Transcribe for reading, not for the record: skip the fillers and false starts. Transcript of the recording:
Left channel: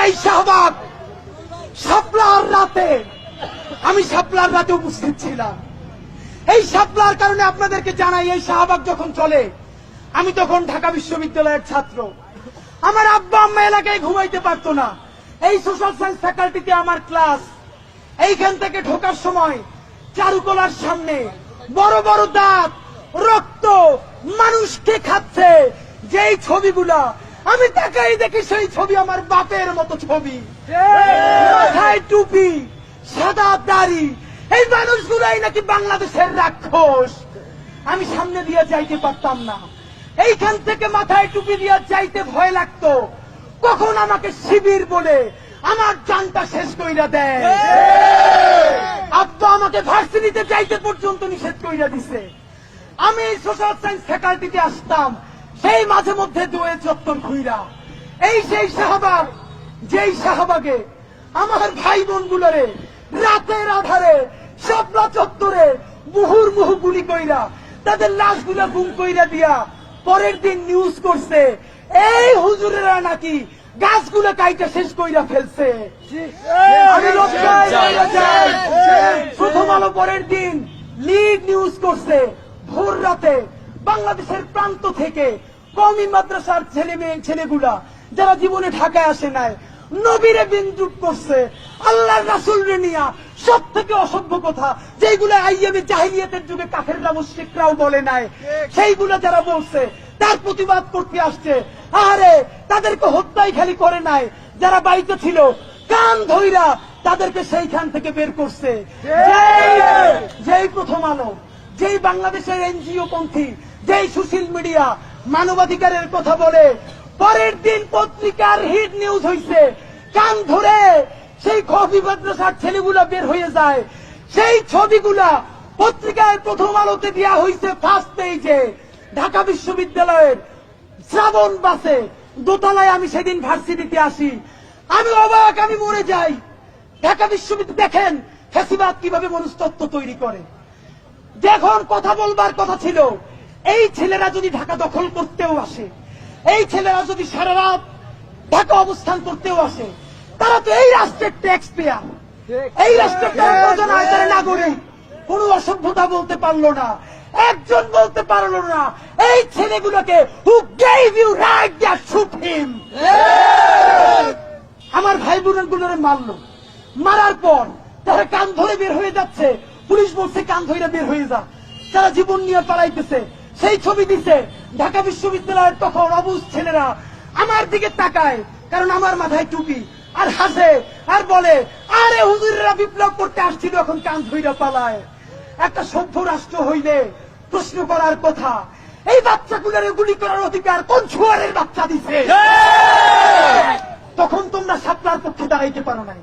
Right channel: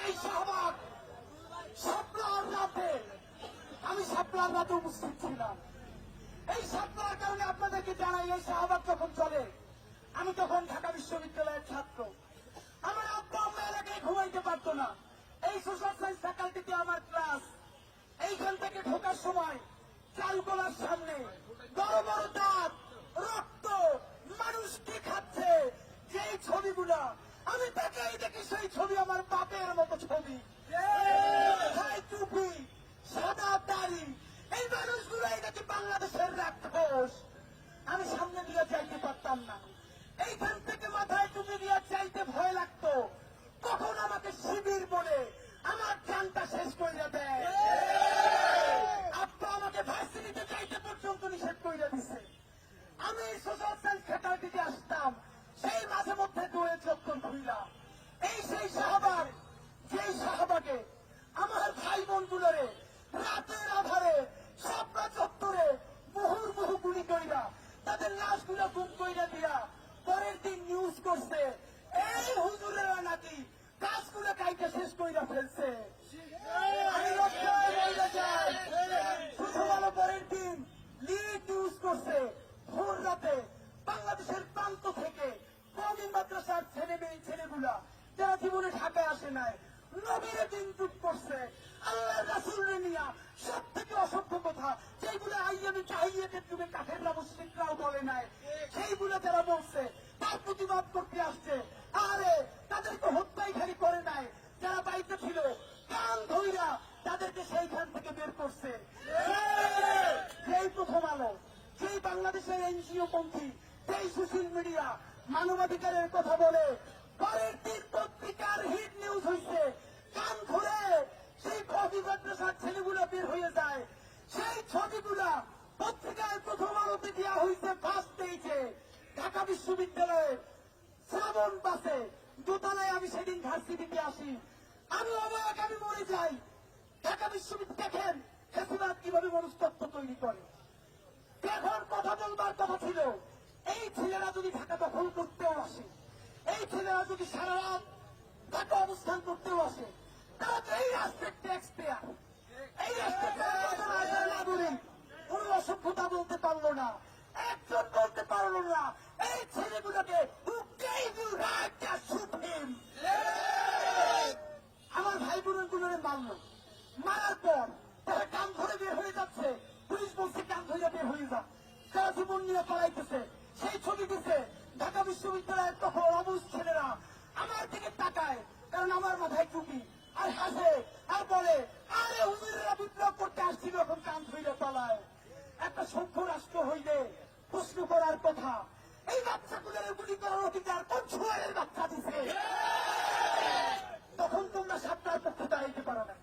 যেই শাহবাগ শাপলার রাতে, আমি শাপলার রাতে উপস্থিত ছিলাম। এই শাপলার কারণে আপনাদেরকে জানাই, এই শাহবাগ যখন চলে, আমি তখন ঢাকা বিশ্ববিদ্যালয়ের ছাত্র। আমার আব্বা আম্মা এলাকায় ঘুমাইতে পারতো না। এই সোশ্যাল সায়েন্স ফ্যাকাল্টিতে আমার ক্লাস। এইখান থেকে ঢোকার সময় চারুকলার সামনে বড় বড় দাঁত, রক্ত, মানুষকে খাচ্ছে যেই ছবিগুলা, আমি তাকাই দেখি সেই ছবি আমার বাপের মতো ছবি। মাথায় টুপি, সাদা দাড়ি, এই মানুষগুলাই নাকি বাংলাদেশের রাক্ষস। আমি সামনে দিয়ে যাইতে পারতাম না। এইখান থেকে মাথায় টুপি দিয়ে যাইতে ভয় লাগতো, কখন আমাকে শিবির বলে আমার জানটা শেষ কইরা দেয়। আব্বা আমাকে ভার্সিটিতে যাইতে পর্যন্ত নিষেধ কইরা দিছে। আমি সোশ্যাল সায়েন্স ফ্যাকাল্টিতে আসতাম সেই মাঝে মধ্যে দুয়ে চত্বর ঘুইরা। এই সেই শাহবাগ, যেই শাহবাগে আমার ভাই বোন গুলোরে রাতের আধারে শাপলা চত্বরে মুহুর্মুহু গুলি কইরা তাদের লাশগুলা গুম কইরা দিয়া পরের দিন নিউজ করছে এই হুজুরেরা নাকি গাছগুলো কাইটা শেষ কইরা ফেলছে। আমি লজ্জায় মরে যাই। প্রথম আলো পরের দিন লিড নিউজ করছে ভোর রাতে বাংলাদেশের প্রান্ত থেকে কওমি মাদ্রাসার ছেলেগুলা যারা জীবনে ঢাকায় আসে নাই, নবীরে বিদ্রুপ করছে, আল্লাহর রাসূলরে নিয়া সব থেকে অসভ্য কথা যেগুলো আইয়ামে জাহিলিয়াতের যুগে কাফেররা মুশরিকরাও বলে নাই, সেইগুলো যারা বলছে তার প্রতিবাদ করতে আসছে। আরে তাদেরকে হত্যাই খালি করে নাই, যারা বাড়িতে ছিল কান ধইরা তাদেরকে সেইখান থেকে বের করছে। যেই প্রথম আলো, যেই বাংলাদেশের এনজিও পন্থী, যেই সোশ্যাল মিডিয়া মানবাধিকারের কথা বলে, পরের দিন পত্রিকার হিট নিউজ হইছে, কান ধরে সেই কওমি মাদ্রাসার ছেলেগুলা বের হয়ে যায়। সেই ছবিগুলা পত্রিকায় প্রথম আলোতে দেওয়া হয়েছে ফার্স্ট পেজে। ঢাকা বিশ্ববিদ্যালয়ের শ্রাবণ বাসে দোতলায় আমি সেদিন ভার্সিটিতে আসি। আমি অবাক, আমি মরে যাই। ঢাকা বিশ্ববিদ্যালয় দেখেন ফ্যাসিবাদ কিভাবে মনস্তত্ত্ব তৈরি করে। যখন কথা বলবার কথা ছিল, এই ছেলেরা যদি ঢাকা দখল করতেও আসে, এই ছেলেরা যদি সারা রাত ঢাকা অবস্থান করতেও আসে, তারা তো এই রাষ্ট্রের ট্যাক্স পেয়ার, এই রাষ্ট্রের নাগরিক। কোন অসভ্যতা বলতে পারলো না, একজন বলতে পারলো না এই ছেলেগুলোকে who gave you right to shoot him। আমার ভাই বোনগুলোরে মারলো, মারার পর তারা কান ধরে বের হয়ে যাচ্ছে। পুলিশ বলছে কান ধরে বের হয়ে যা, তারা জীবন নিয়ে পালাইতেছে। সেই ছবি দিছে ঢাকা বিশ্ববিদ্যালয়ের তখন অবুঝ ছেলেরা আমার দিকে তাকায়, কারণ আমার মাথায় টুপি, আর হাসে আর বলে আরে হুজুরেরা বিপ্লব করতে আসছিল, এখন কান ধইরা পালায়। একটা সভ্য রাষ্ট্র হইলে প্রশ্ন করার কথা, এই বাচ্চাগুলোরে গুলি করার অধিকার কোন ছুয়ারের বাচ্চা দিছে? তখন তোমরা শাপলার পক্ষে দাঁড়াইতে পারো নাই।